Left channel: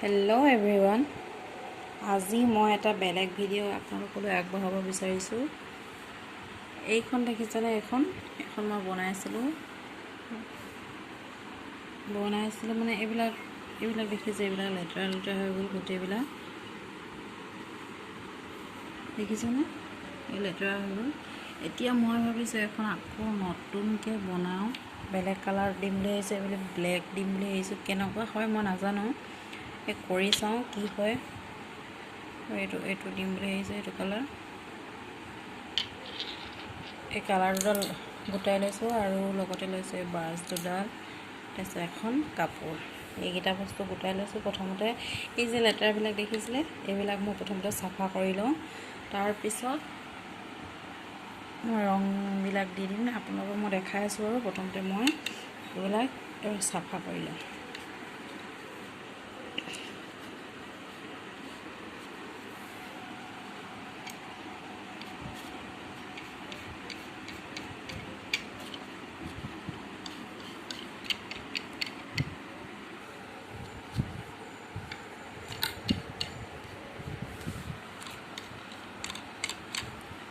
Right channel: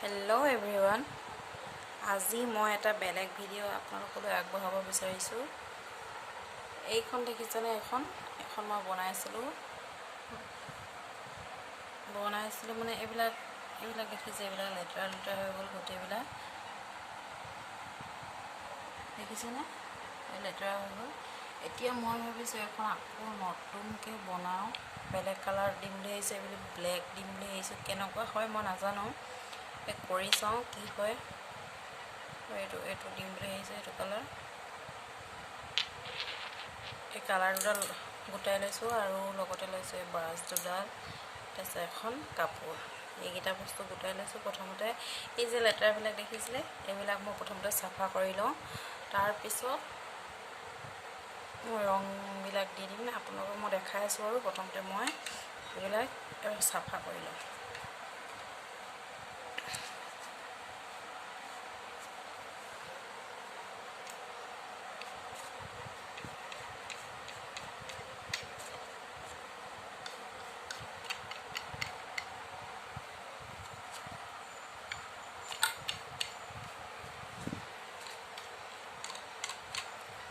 Hello' everyone, আজি মই এটা বেলেগ ভিডিঅ' আপোনালোকলৈ আগবঢ়াব বিচাৰিছোঁ। এইখন দেখিছেনে? এখন মই বনাইছিলোঁ মানে এইবিলাক দেখিছে, এইবিলাক লেতেৰা হৈ গ'ল গোটেইবিলাক, দেখিছেনে? এই লেতেৰা হৈ গ'ল। এতিয়া মই ভাবিছোঁ এখন আকৌ নতুনকৈ বনাওঁ, বেলেগ কালাৰ দিম বুলি আহিছোঁ, এইবিলাক ব্লেক দিম বুলি আহিছোঁ। কেনেকুৱা হয় মই নাজানো, কৰি চাওঁ কি হয়। এইটো দিম বুলি আহিছে, এইটো কালাৰ। এই কালাৰ দুডাল গোটাই লৈছোঁ আৰু লগতে লৈছোঁ এই ব্ৰাছ দুডাল, তাৰপিছত এখন কাপোৰ। এইকেইটা বস্তু গোটাই লৈছোঁ। প্ৰথমতে এই যে লেতেৰাবিলাক দেখিছিলে, এইবিলাক মই প্ৰথমতে চাফা কৰি লওঁ, তাৰপিছত ৰংবিলাক দি দিম। আপোনালোকক মই দেখাই আছোঁ আৰু প্ৰথমতে মই এইবিলাক চাফা কৰি লওঁ।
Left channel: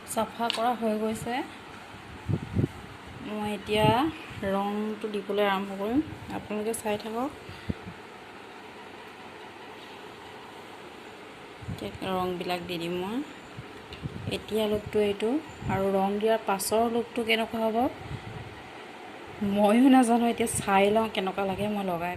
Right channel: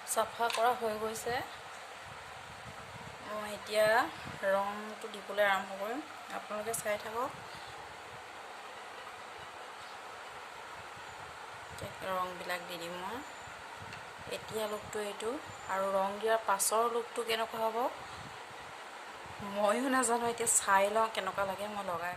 চাফা কৰা হৈ গৈছে। মই এতিয়া ৰংটো দিবলৈ আৰম্ভ কৰিম, আপোনালোকে চাই থাকক। ৰংবিলাক দি দিম মই। এতিয়া লুকটো এইটো, আৰু ৰং দিয়াৰ পাছৰ লুকটো কেনেকুৱা হ'ব ময়ো নাজানো। এতিয়া চাই লওঁ কেনেকুৱা লাগে মই লগাই।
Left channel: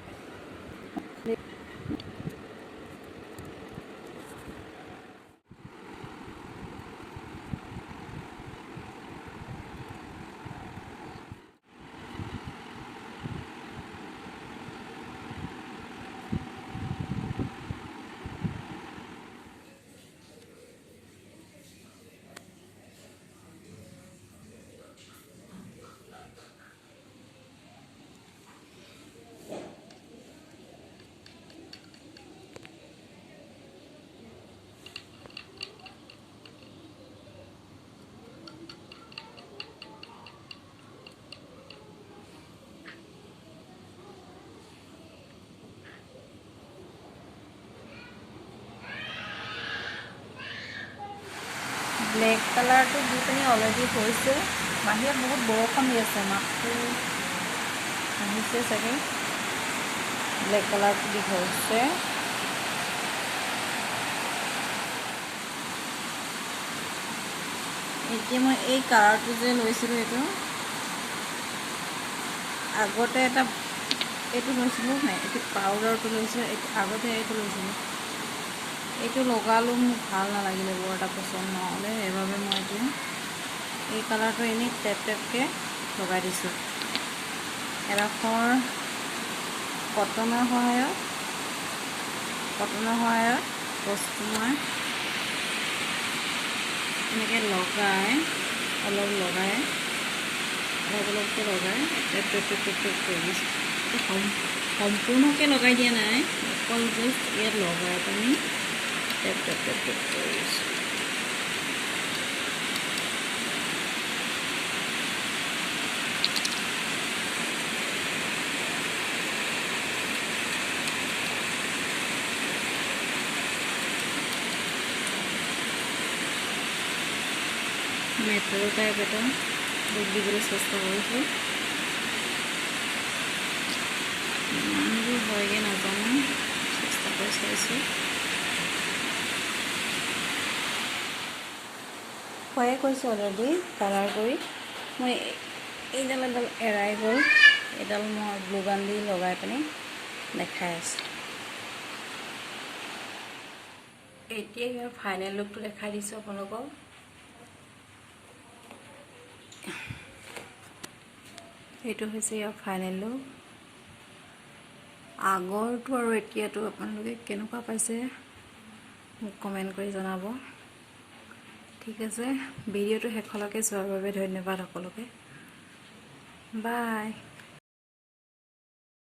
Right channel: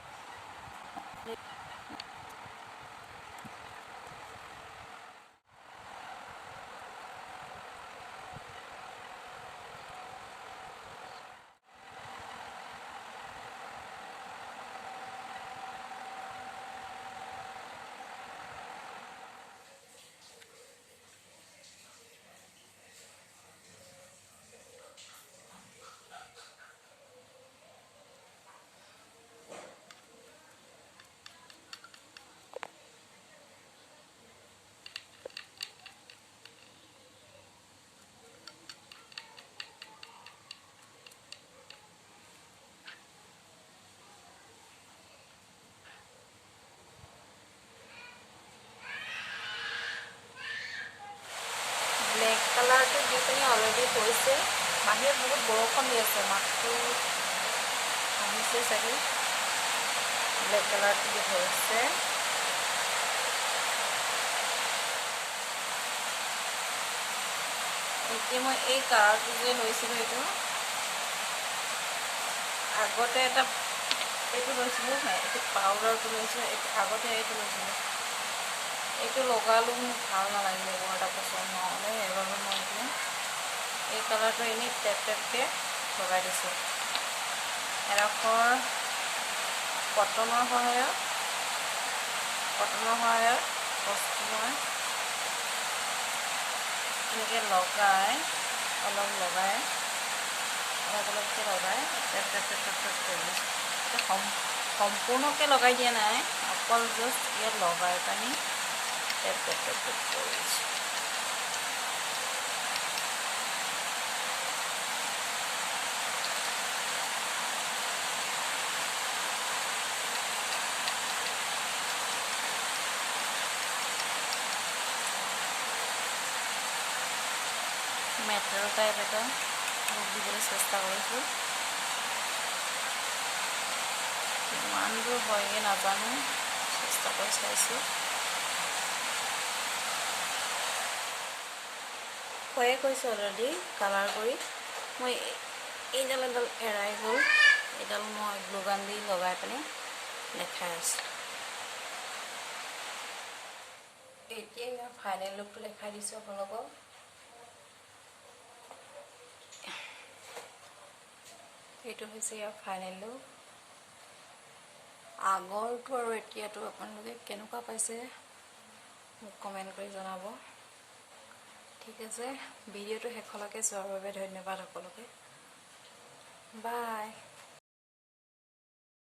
ব্লেক কালাৰটো দি পিনি অলৰেডি হৈছে। বাহিৰত বহুত বৰষুণ দি আছে, মাতটো আহিছে চাগে। ব্লেক কালাৰটো দি হৈছে। এতিয়া মই এই কালাৰটো যে লৈছিলোঁ, এইটো আগতে এইটো লৈছিলোঁ, এইটো পাউডাৰটো লৈছিলোঁ, আগতে এইটো লৈছিলোঁ। এইটো লগালোঁ, মোক ভাল নালাগিলে, বৰ এটা পচন্দ নহ'লে, সেইবাবে মই এই কালাৰটো এনেই টেপকৈ লগাই দিছোঁ। এডোখৰ কটনৰ সহায়ত বস্তু মই এনেকৈ অলপকৈ লগাই টেপ কৰি দিছোঁ। সম্পূৰ্ণকৈ লগাই দিয়া নাই, অকল জাষ্ট ইয়াত লগাই পানি টেপ কৰি দিছোঁ। মেটেল টাইপ এটা ৰূপ দিবলৈ চেষ্টা কৰিছোঁ। ইমানবোৰ হয়গৈ নাজানো, চেষ্টা কৰি চাইছোঁ। হয়ে কৈছোঁ অলৰেডি কালাৰ কৰি। মই এডাল এৰাই গ'ল, এডাল মই গ্লু গান দি লগাই পিনি দেখাই আছোঁ। এতিয়া মই ফাইনেল লুকটো দেখাই দিছোঁ আপোনালোকক। এইটো হৈছে ইয়াৰ ফাইনেল লুক। আগৰটো আৰু এতিয়াটো আপোনালোকে কেনেকুৱা পাইছে মোক কমেণ্ট কৰি জনাব। ঠিক আছে, ভিডিঅ'টো শেষলৈকে চোৱাৰ বাবে ধন্যবাদ সকলোকে। বাই।